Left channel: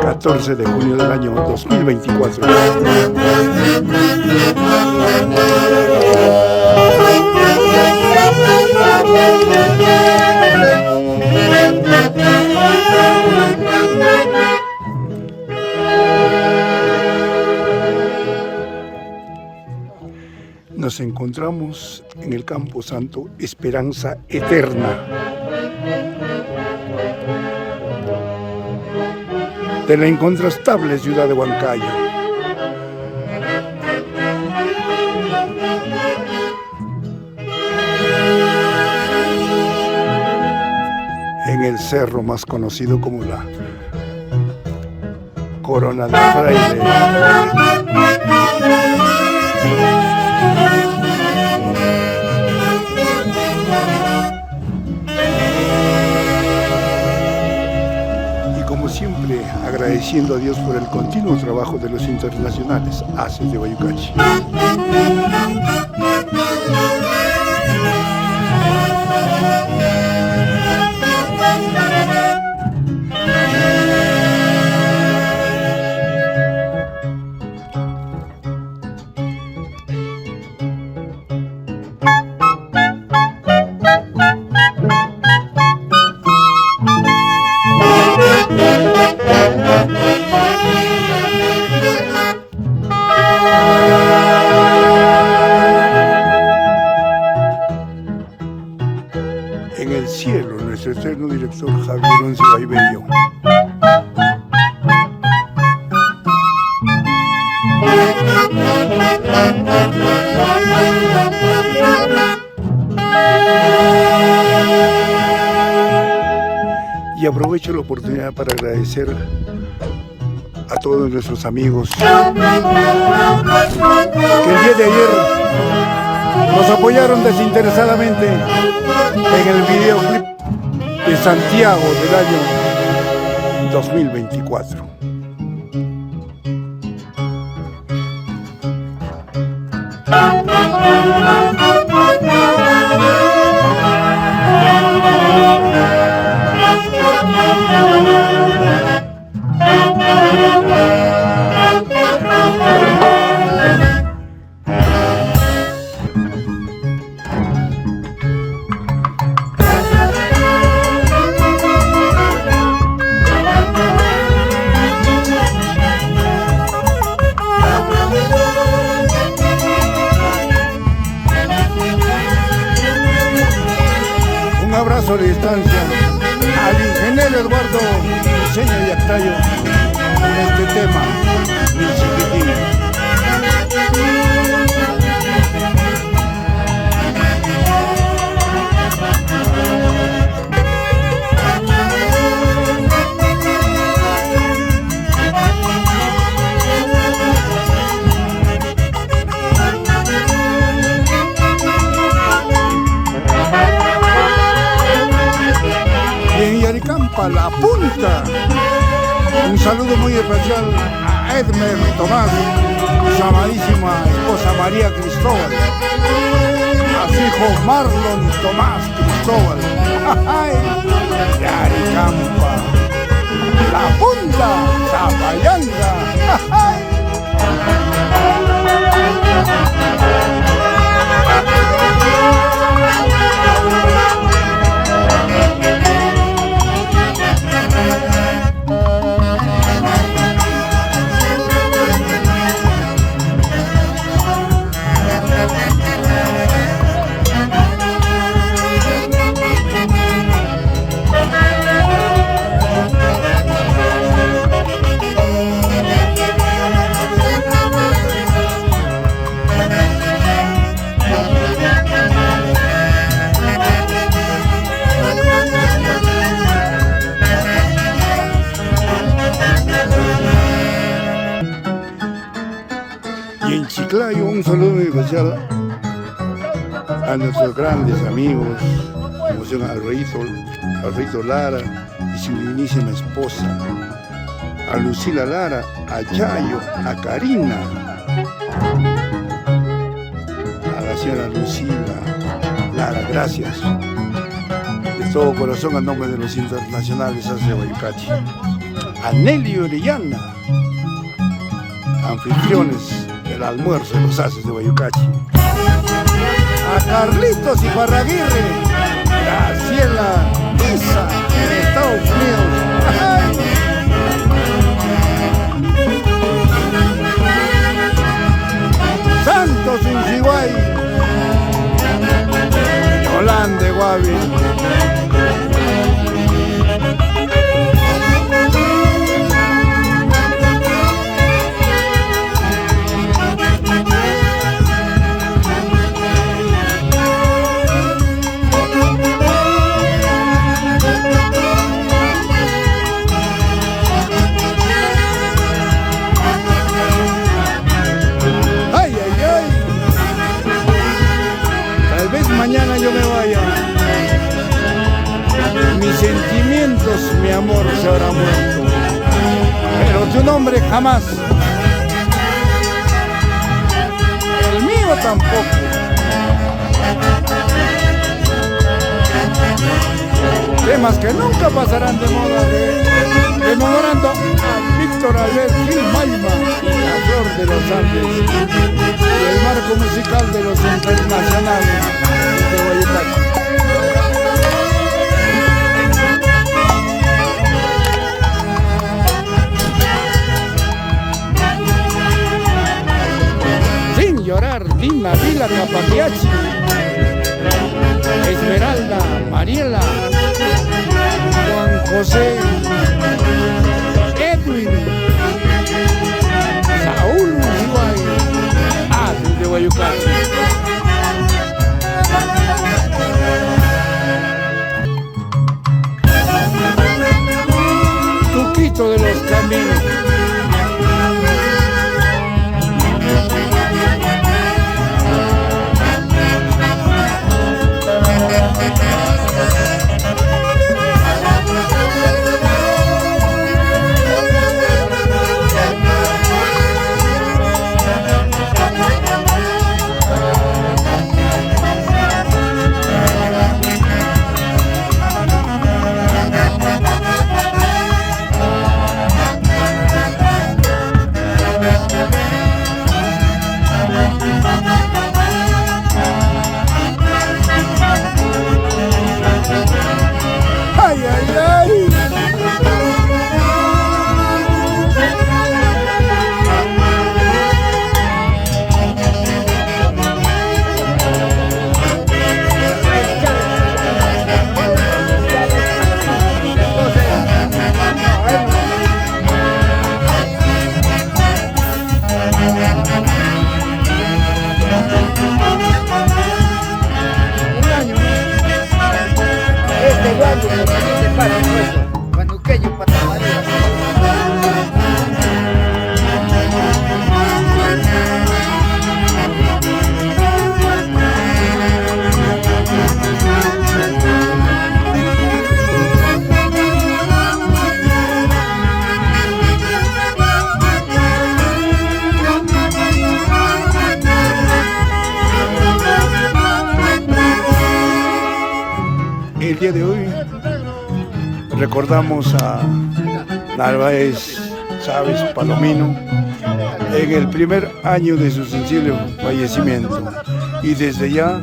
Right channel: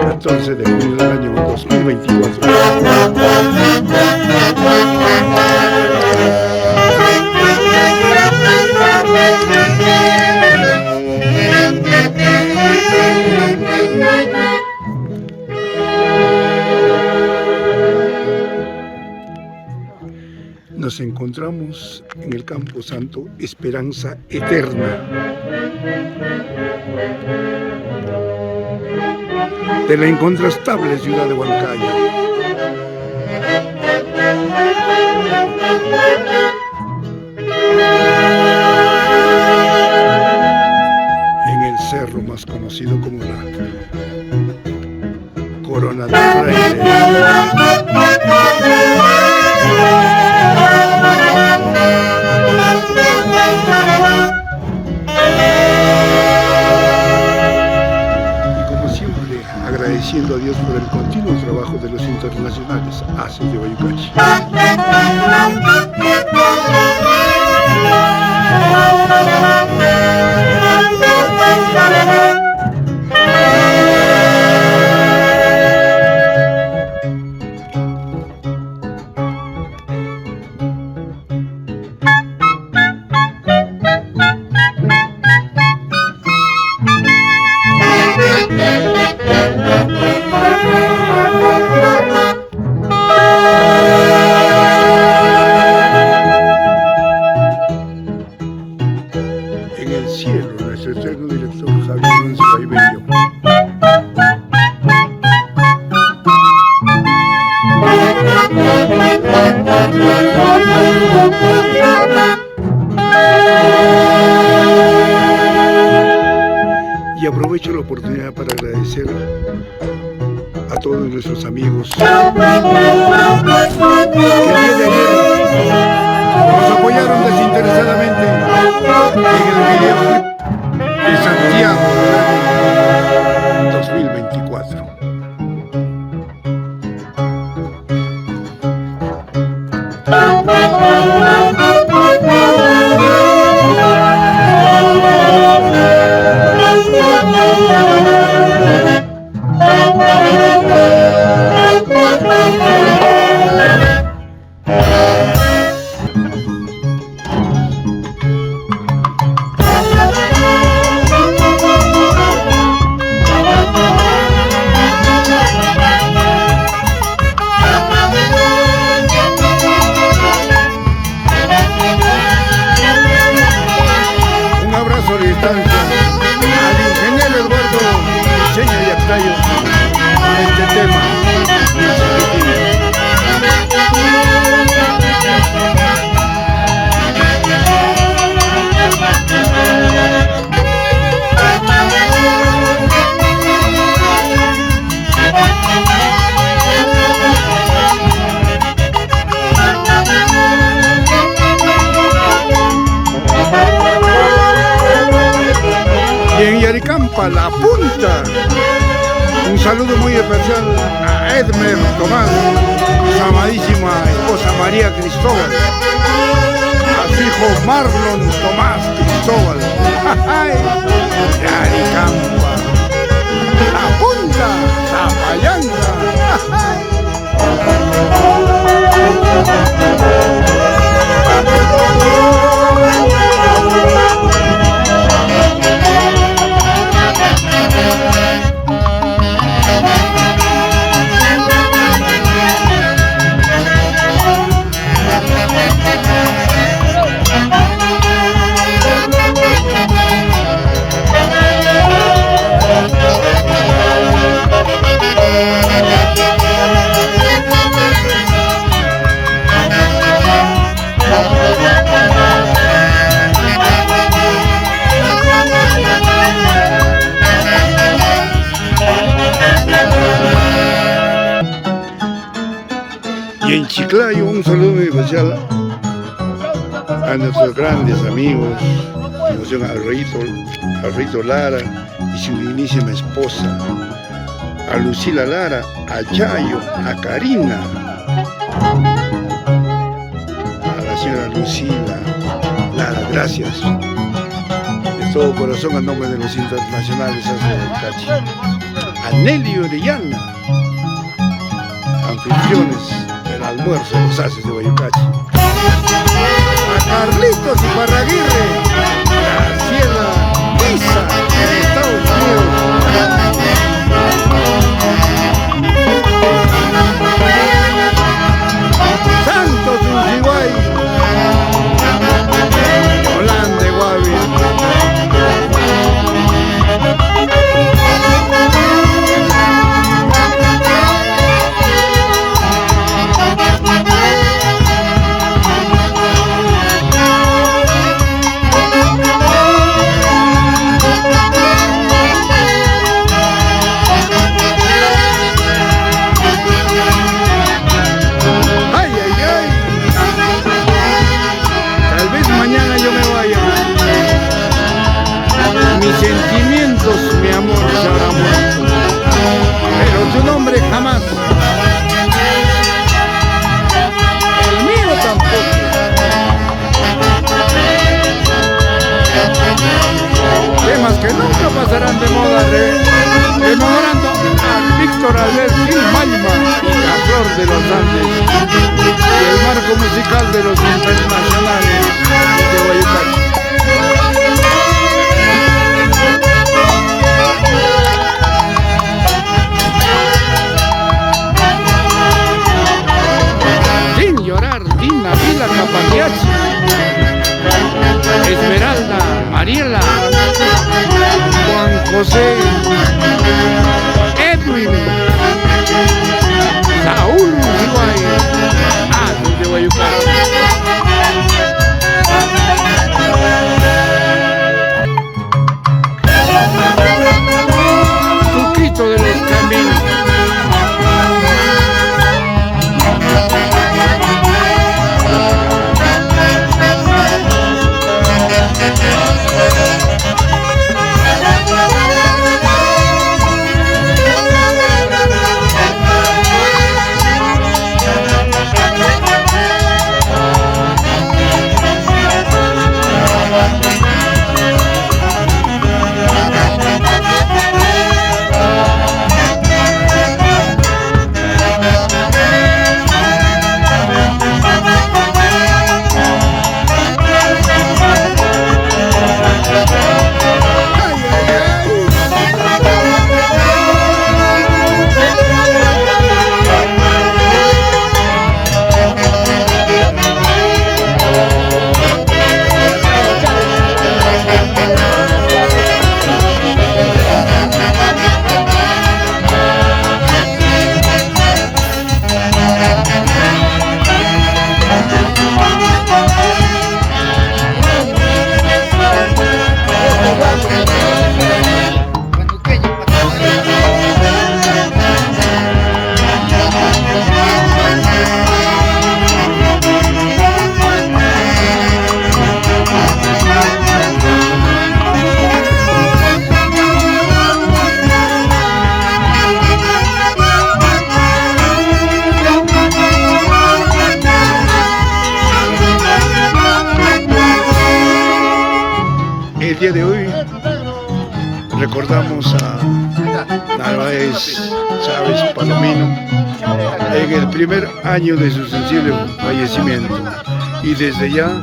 14 de junio del año 2024. Nos encontramos en el Campo Santo Esperanza Eterna de la incontrastable ciudad de Huancayo. En el cerro más conocido como la Corona del Fraile. Agradeciendo a Dios por el continuo trabajo de los internacionales ACES de Bayucachi. En el cielo, nuestro eterno director Javier Roncesvalles Bello. Y aprovecho la oportunidad para agradecer a todos nuestros amigos que el día de ayer nos apoyaron desinteresadamente en el videoclip de Santiago del año 2024. De distancia al ingeniero Eduardo Diseño y Actayo con este tema, mi chiquitín. Y en Yaricampa, La Punta, un saludo muy especial a Edmer Tomás y su amadísima esposa María Cristóbal, a su hijo Marlon Tomás Cristóbal. Yaricampa, La Punta, Zapayanga. Y en Chiclayo un saludo muy especial a nuestros grandes amigos, como son Alfredito Lara y su dignísima esposa, a Lucila Lara, a Yayo, a Karina, a la señora Lucila Lara, gracias de todo corazón a nombre de los internacionales de Bayucachi. a Nelly Orellana, anfitriones del almuerzo de los haces de Guayucachi, a Carlitos Iparraguirre, Graciela Isa en Estados Unidos. Santos Unciguay, Yolanda de Guavil. Mañana yo me vaya, mis sentimientos, mi amor, se habrá muerto, pero tu nombre jamás, el mío tampoco. Temas que nunca pasarán de moda, rememorando a Víctor Albert Gil Mayma y la Flor de los Andes y el marco musical de los internacionales de Guayucachi. Sin llorar, Dina Vila Capagliacci, Esmeralda, Mariela, Juan José, Edwin, Saúl Unciguay, de Guayucachi. Tuquito de los Caminos. El día de hoy recordamos a Narváez Chávez Palomino en el primer año de su sensible fallecimiento, y desde ya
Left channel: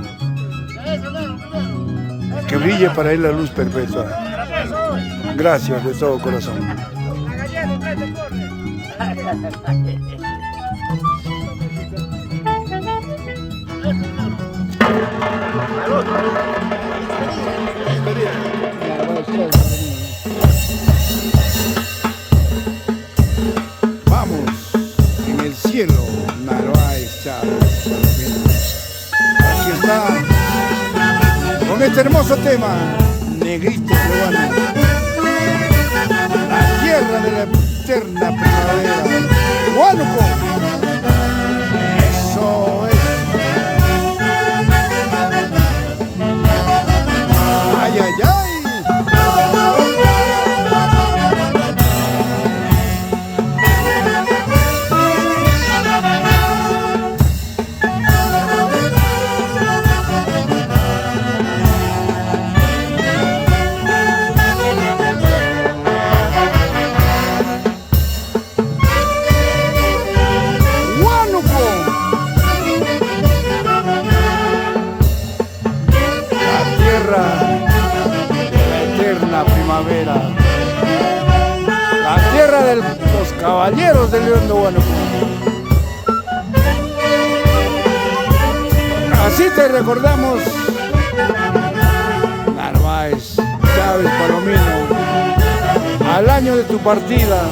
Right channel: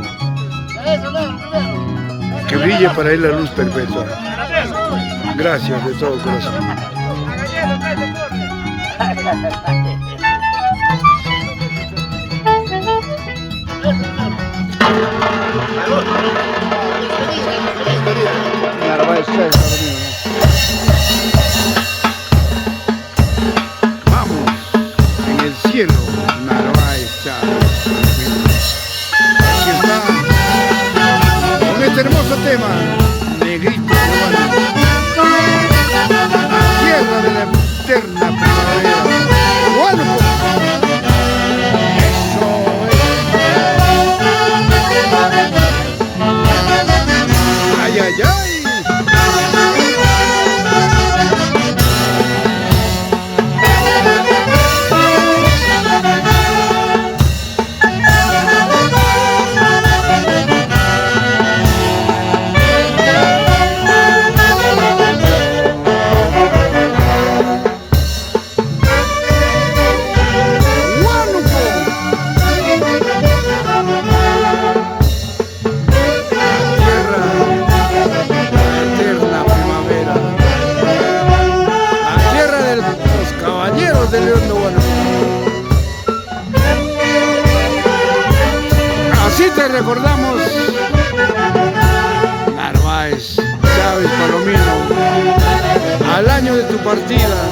que brille para él la luz perpetua. Gracias de todo corazón. Vamos, en el cielo, Narváez Chávez Palomino. Aquí está, con este hermoso tema, Negrito Giovanni, la tierra de la eterna primavera. Huánuco, eso es. Ay, ay, ay. de los Caballeros de León de Guanajuato. Así te recordamos, Narváez, Chávez, Palomino, al año de tu partida,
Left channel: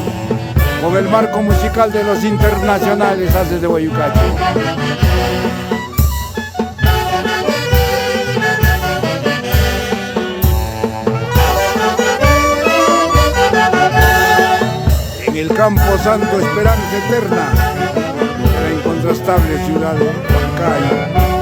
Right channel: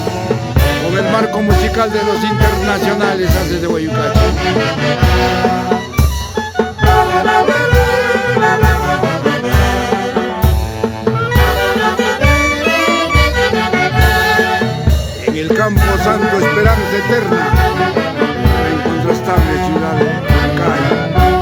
con el marco musical de los internacionales Haces de Guayucacho. En el Campo Santo, esperanza eterna de la incontrastable ciudad de Huancayo.